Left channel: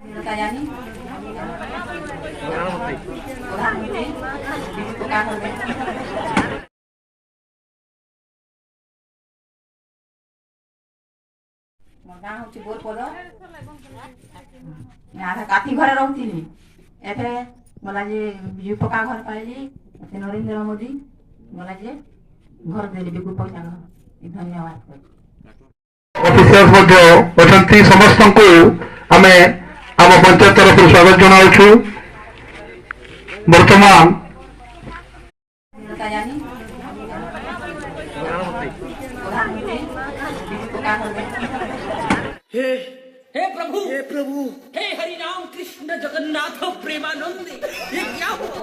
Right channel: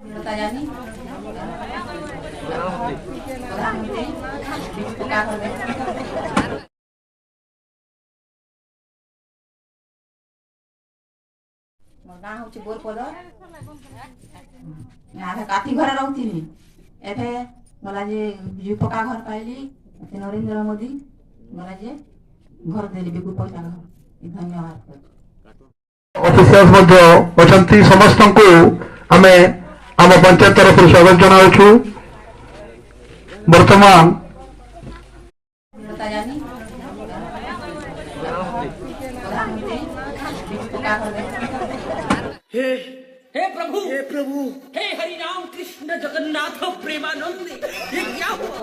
Tayani, प्रधानमंत्री उपकार करबे मोर गाँव होची बोरपद यहाँ काठी घरे रहती एठे मला जे बिजू पक्का घर पाइली नरेंद्र मोदी मला जे घर देली बिगु पैसा घर धन्यवाद ऑफिसर्स मध्य अछंती समस्त को आमे आम पंचायत तरफ स्वागत जनाऊँ वर्तमान हे प्रभु हे हरि राम कृष्ण जगन्नाथ प्रेमानंद ये क्या हुआ?